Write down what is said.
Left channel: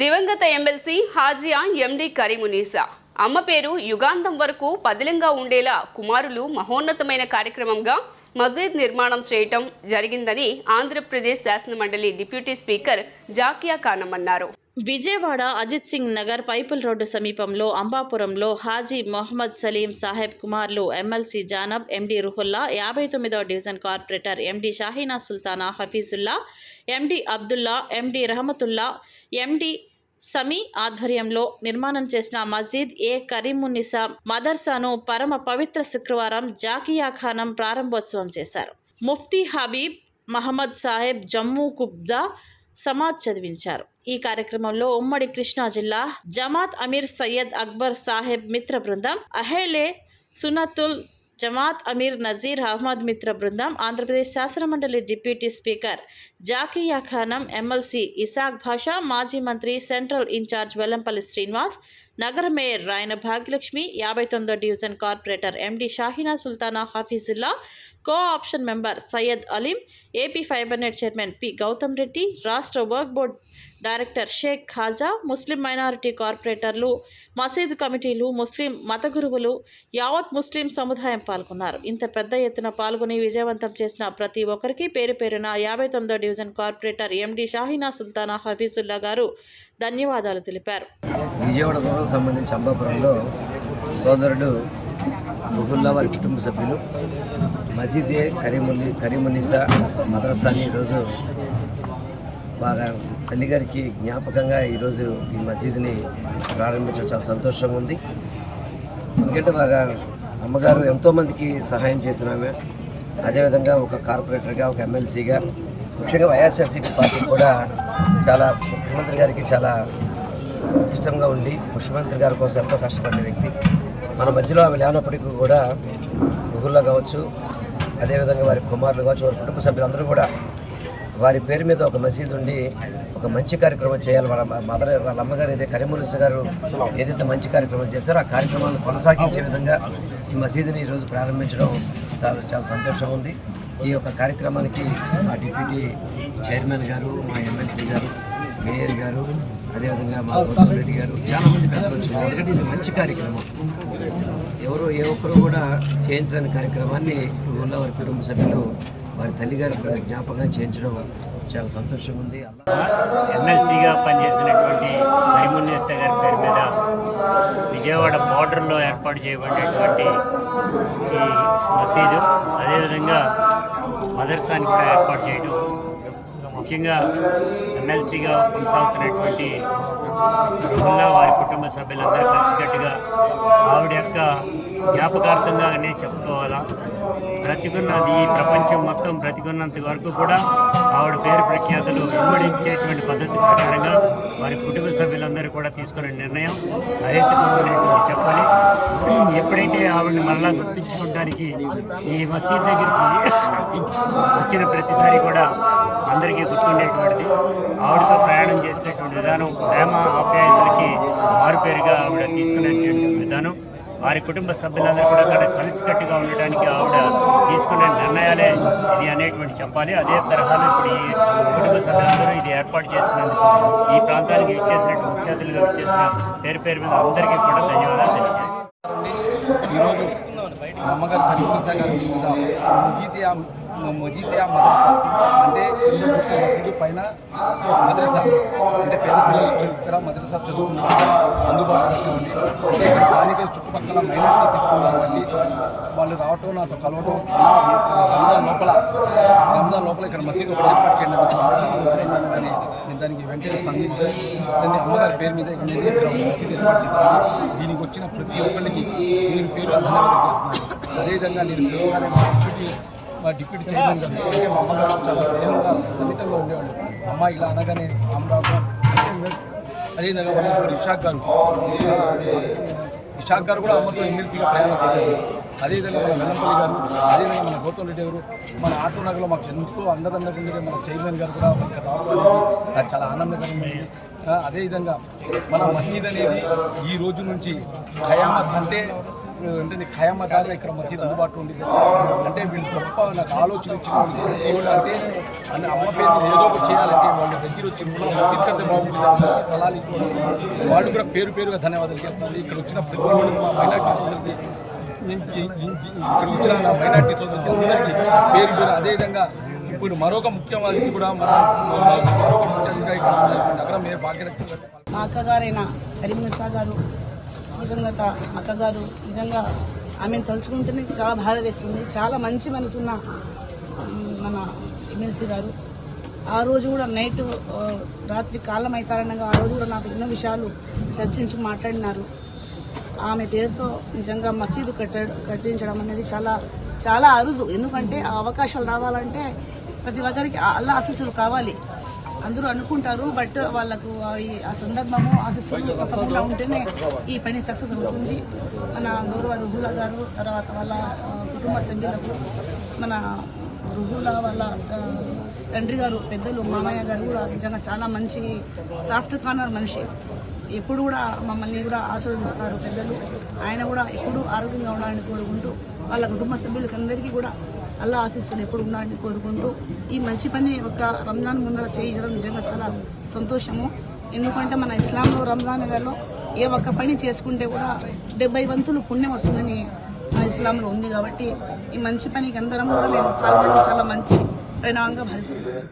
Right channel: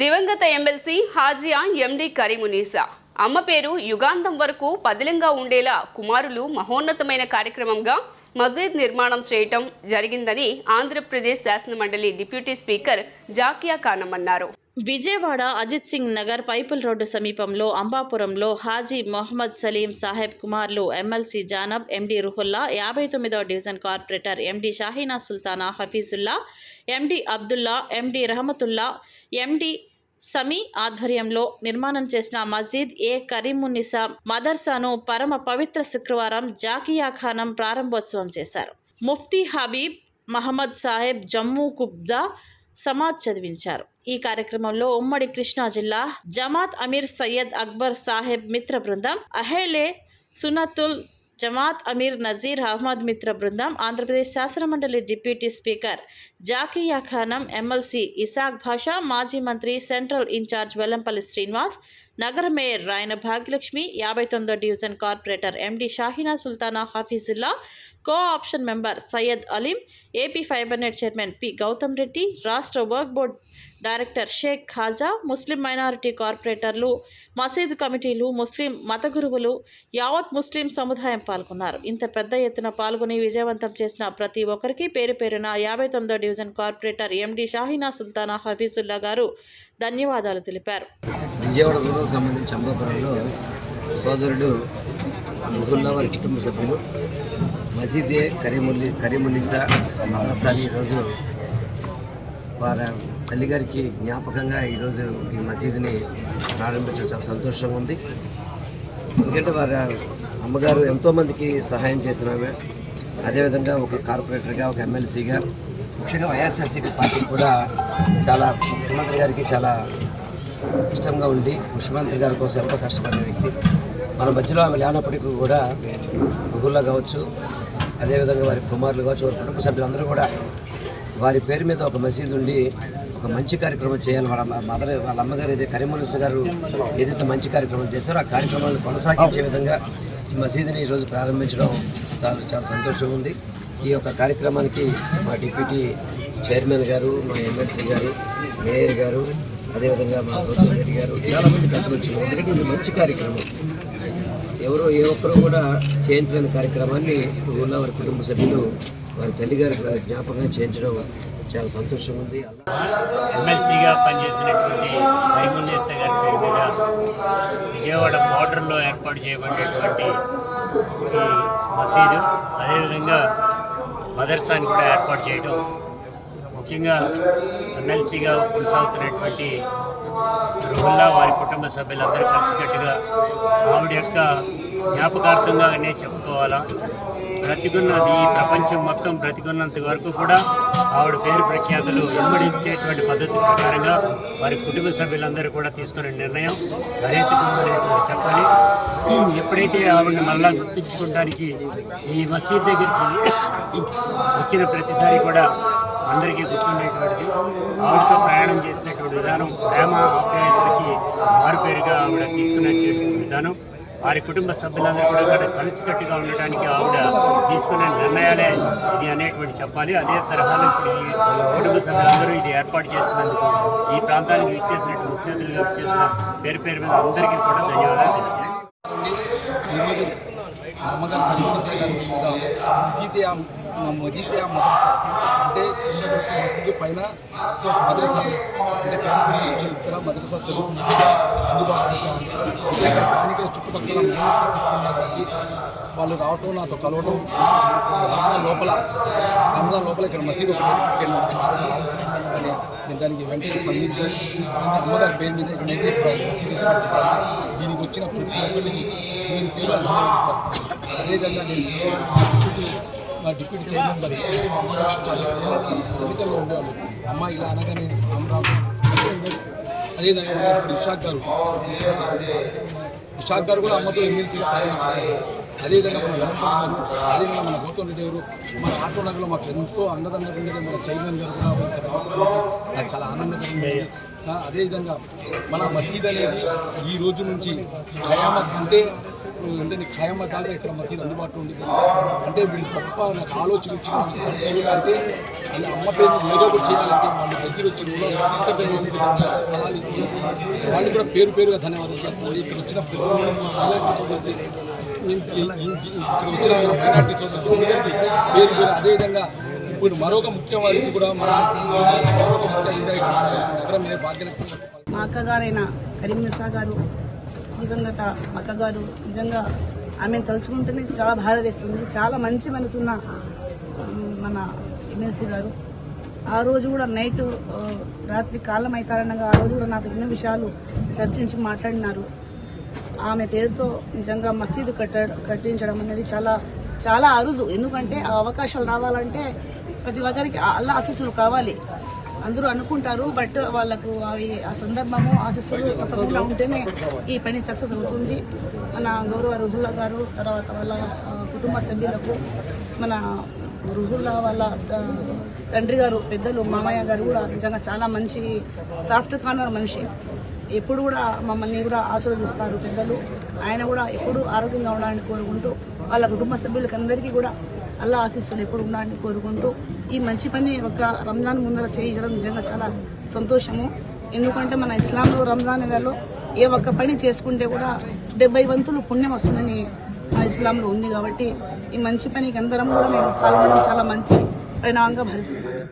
దివంగత ఎమ్మెల్సీ హాజియా ఎండి కరీమునీసా. అమ్మ పేరు యుగాంతం వరకు పదిలంగా ఉండేలా కుమారులు మహోన్నతమైన కార్యక్రమంగా మసీద్ నిర్మాణం చేయటం జరిగిందని ఆంధ్రప్రదేశ్ శాసనమండలి డిప్యూటీ స్పీకర్ జాకియా ఖానం అన్నారు. విజయవాడ అజిత్ సింగ్ నగర్ పైపుల్ రోడ్డు సమీపంలో అంబాపురంలో హాజీ మొహమ్మద్ సలీం సాహెబ్ కుమార్లు ఎమ్మెల్సీ జానబ్ ఎండీ రుహుల్లా యాభై తొమ్మిదవ division corporator MD Shaheena Sultana Hafeezulla MD Abdulla MD Rahamatulla MD Sami ఆధ్వర్యంలో నిర్మాణం చేసిన మస్జిద్ ఏ కరీమున్నిసా మదర్సాను పరమ పవిత్ర శుక్రవారం జాకియా ఖానం ప్రారంభోత్సవం చేశారు. ముఫ్తీ హబీబ్ మహమ్మద్ సాహెబ్ జమ్మూ కుబ్దా సమాజ్ చదివించారు. ఈ కార్యక్రమంలో ఉమ్మడి కృష్ణా జిల్లా జమాత్ అమీర్ సయ్యద్ అక్బర్ సాహెబ్ మిత్ర బృందం అహేలే సునతుల్ జమాత్ అమీర్ నజీర్ అహ్మద్ మిత్ర బృందం ఆంధ్రప్రదేశ్ శాసనమండలి deputy speaker Zakia Khanam MLC Isaq Basha మాజీ మంత్రి సెంట్రల్ ఇన్ఛార్జ్ వెల్లంపల్లి శ్రీనివాస్ నగర మేయర్ రాయన భాగ్యలక్ష్మి యాభై తొమ్మిదో division corporator MD Shaheena Sultana Hafeezulla co option member Syed Aleem AP fibernet chairman P Gautam Reddy రాష్ట్ర work board director Sheikh Khaja ముస్లిం మైనారిటీ కార్పొరేటర్లు మసీద్ కమిటీలు ముస్లిం మత గురువులు యావత్ ముస్లిం సముదాయం పాల్గొన్నారు. ఇంత పెద్ద ఎత్తున పాల్గొని విజయవంతం చేసిన ప్రతి ఒక్కరికి పేరు పేరున యాభై తొమ్మిదో division corporator MD Shaheena Sultana Hafeezulla గారు ధన్యవాదాలు తెలిపారు. విజయవాడ సంబంధించి అంబాపురంలో సోదరుడు రుహుల్లా వారి కుటుంబ సభ్యులు మసీదే కరీముల్లి కరీముల్లిసా మద్రసాని ఈరోజు వారి తల్లిగారికి జ్ఞాపకంగా ఈరోజు ఈ మసీదుని ప్రారంభించడం చాలా సంతోషంగా ఉంది. ఎందుకంటే వారి అమ్మగారు ఎంతోమందికి సహాయం చేసిన ఆమె. అదేవిధంగా ఒక కార్పొరేటర్గా ఒక ఎమ్మెల్సీగా ముఖ్యంగా వైఎస్ఆర్సీపీ పార్టీ కూడా చాలా ముఖ్యమంత్రి గారికి చాలా ఇష్టంగా ఉండి ముఖ్యమంత్రి గారి కోసం ఎంతో కష్టపడిన వ్యక్తి. మన మధ్యలో ఆమె లేనప్పటికీ కూడా గుహుల్లో కావచ్చు అదేవిధంగా వారి కుమారులు కావచ్చు వారి కుటుంబ సభ్యులందరూ కూడా వారి పేరు మీద ఒక మసీదు ఉండి ఒక మంచి కార్యక్రమం చేయాలి. వాళ్ళ మదర్ వాళ్ళ అమ్మగారు ఏదైతే కరీమునిస్ గారు ఏదైతే మంచి కార్యక్రమం చేశారో ఆ కార్యక్రమాలను కొనసాగించే విధంగా ఈ మసీదుని ఈరోజు ప్రారంభించడం చాలా చాలా సంతోషంగా ఉంది. ఈ యొక్క కార్యక్రమానికి మా డిప్యూటీ చైర్మన్ గారు మా ఎమ్మెల్సీ గారు మేయర్ గారు అదేవిధంగా మా గౌతమ్ రెడ్డి గారు చాలామంది పెద్దలు వచ్చినారు. ఎందుకంటే ఇది మంచి కార్యక్రమం. ఎవరో ఏ ఒక్కరూ కూడా చేయించలేని కార్యక్రమాన్ని ఊళ్ళో వారి కుటుంబ సభ్యులు వారి తల్లిగారి జ్ఞాపకం చేయించడం చాలా సంతోషంగా ఉంది. ఎమ్మెల్సీగా పనిచేసినటువంటి కరీమున్నేస గారి పేరు మీద విజయవాడ బార్డర్లో ఏర్పాటు చేయబడినటువంటి ఈ మసీదు అదేవిధంగా మదర్సాని కూడా ఏర్పాటు చేయడం ముఖ్యంగా ఎమ్మెల్సీగా కొనసాగుతున్నటువంటి రుహుల్లా వారి కుటుంబ సభ్యులందరూ కలిసికట్టుగా ఆవిడ యొక్క జ్ఞాపకార్థంగానే చెప్పుకోవాలా. బ్రతికున్నది ఈ ప్రపంచం మొత్తం బ్రతికున్నంత వరకు కూడా ఆవిడ పేరు ప్రఖ్యాతులు ఇమ్మడించేటువంటి పద్ధతి ప్రకారంగా వారి కుటుంబ సభ్యులందరూ కూడా తీసుకున్న నిర్ణయం సహేతుకమైనటువంటి చెప్పాలి. ఎప్పుడైతే ఆవిడని మళ్ళా గుర్తించుకోవడానికి ఈ మసీద్ దగ్గరికి వచ్చిన ప్రతిసారి కూడా అందరికీ గుర్తుండేటువంటిది. ఆవిడతో ప్రయాణం చేసినటువంటి విధానం ప్రేమ ఆప్యాయతలకి మారుపేరుగా ఆవిడ తీసుకున్నటువంటి విధానం. వారి కుటుంబ సభ్యులందరూ కూడా ఇక్కడ కలిసికట్టుగా ఉండటానికి ఆవిడ తీసుకునే నిర్ణయాలే ఇది అనేటువంటి చెప్పాలి. అదే తరహాలో ఇప్పుడు ఈ కుటుంబ సభ్యులందరూ ఇది ఏర్పాటు చేసినందుకు ఈ ప్రాంతానికి ఇచ్చేసినట్టు ముఖ్య అతిథులుగా ఇచ్చేసిన పేరు పేరు మీద అందరికీ కూడా ధన్యవాదాలు తెలియజేస్తాను ఈరోజు మమ్మగారు కరీమునిసా గారి అంటే కింద చూసే మసీదు పైన సో అంటే పేద పిల్లలు ఇక్కడ మదరసా చదువు అందుబాటులో పెట్టామండి. అంటే ఇక్కడ స్థానిక చుట్టుపక్కల మైనార్టీ చెప్తున్నారండి వాళ్ళు రావటం నాతో కలవటం రంజాన్ లోపల రంజాన్ లోపల ఇక్కడ మసీదు ఒకటి ఏర్పాటు చేయడం చాలా అవసరం ఉందని నేను దానికి వెంటనే స్పందించి దాన్ని అమ్మగారి పేరు మీద ఇక్కడ నేను ఇక్కడ మసీదు ఏర్పాటు చేశాను. దీనికి వచ్చిన ప్రతి ఒక్కరికి నేను పేరు ధన్యవాదాలు చేస్తున్నాను అదేవిధంగా నేను పిలవగానే మా డిప్యూటీ మా చైర్మన్ గారు అంటే మా అమ్మగారు చాలా స్నేహంగా సన్నిహితంగా ఉండేవాళ్ళు. అమ్మ ఇలా అనగానే అమ్మ అదేవిధంగా మన ఇప్పుడు ఇషాక్ గారు. ఇషాక్ గారు కూడా అమ్మతో ఎమ్మెల్సీగా ప్రయాణం చేశారు. అదేవిధంగా మన వెల్లంపల్లి గారు అదేవిధంగా మన గౌతమ్ రెడ్డి గారు మన ఆటో నగర్లో మాకు ఎంతో అండదండగా ఉండేది మన చైర్మన్ గారు కూడా మంచి రావడం నాకు చాలా ఆనందకరంగా ఉంది. అదేవిధంగా మన మసీద్ అనేది ఈ రోజు నుంచి ఖయామత్ అంటే అంటే నీకు ఖయామా దాకా ఇక్కడ మసీద్ అందుబాటులో ఉండేది అంటే వీళ్ళు గొప్ప నాకు ఆలోచన ఇచ్చిన దేవుళ్ళు అంటే అంటే అమ్మ పేరు మీద ఏదో ఒకటి చేయాలంటే వాళ్ళు దగ్గర వచ్చి కూడా మసీద్ కడితే బాగుంటుంది స్థలాలు ఇవ్వడం వాళ్ళు కూడా పేరు పేరుగా ధన్యవాదాలు చేస్తున్నారు. ఇక్కడ వచ్చిన ప్రతి ఒళ్ళు మా మైనార్టీ సోదరులకి ఇక్కడ వచ్చిన నా మైనార్టీ చూసి అందరికీ పేరు పేరు అదేవిధంగా ఇప్పుడు మరొక ముఖ్యవాది కూడా మన మరొక ముఖ్య ఇక్కడ నగరం మీద భాగ్యలక్ష్మి మా అక్కగారైన కరీంనసా గారు దివంగత అక్కగారు నిజంగా ఆమెను తలుచుకుంటేనే చాలా బాధ వేస్తుంది. చాలా మంచి మనసున్న మన ఎమ్మెల్సీ గారు. ఆ రోజు కూడా నైట్ రాత్రి కాలం అవుతారనగా ఆ రోజు కూడా నాకు ఎన్నో విషయాలు చర్చించి మాట్లాడినారు. ఆమె పేరుతో నిజంగా మసీదు కట్ట కట్టించడం అనేది చాలా చాలా అరుదు. ఎందుకంటే ఆ అవకాశాలు రావాలంటే ప్రతి ఒక్కరికి అల్లా ఆశీస్సులు కావాలి. అందరూ అనుకుంటారు బట్ వాళ్ళకు అవి ఆ సందర్భము ఆశస్సులు తప్పకుండా ఉంటేనే ఈ పని సక్సెస్ అవుతుంది. మన గౌరవ రుహుల్లా గారు తర్వాత వాళ్ళ కుటుంబ సభ్యులకు మన రుహుల్లా వాళ్ళ తండ్రి గారు పెద్దలు మామయ్య గారు కూడా నిజంగా చాలా మంచి సాఫ్ట్ కార్నర్ మనిషి. ఎప్పుడు కూడా మమ్మల్ని కూడా ఆశీర్వదిస్తారు పెద్దలు. ఆయన కూడా ఎప్పుడు ఆరోగ్యంగా ఉండాలని కోరుకుంటూ వాళ్ళ కుటుంబ సభ్యులకందరికీ కూడా అల్లా ఆశీస్సులు ఎప్పుడు ఉండాలని కోరుకుంటూ ఈ మంచి పని ఒక రంజాన్ ముందర చేయడం నిజంగా చాలా సంతోషము. ఎందుకంటే మన ఇస్లాంలో రంజాన్ నెలలో ఏ ఒక్క పని చేసుకుంటే కూడా డెబ్బై వంతులు పుణ్యం వస్తుందని మా ఇస్లాంలో ఉంది కాబట్టి ఈ మంచి పనికి అందరం కూడా మేము పాల్గొనడం చాలా మంచి పరిణామంగా భావిస్తున్నాం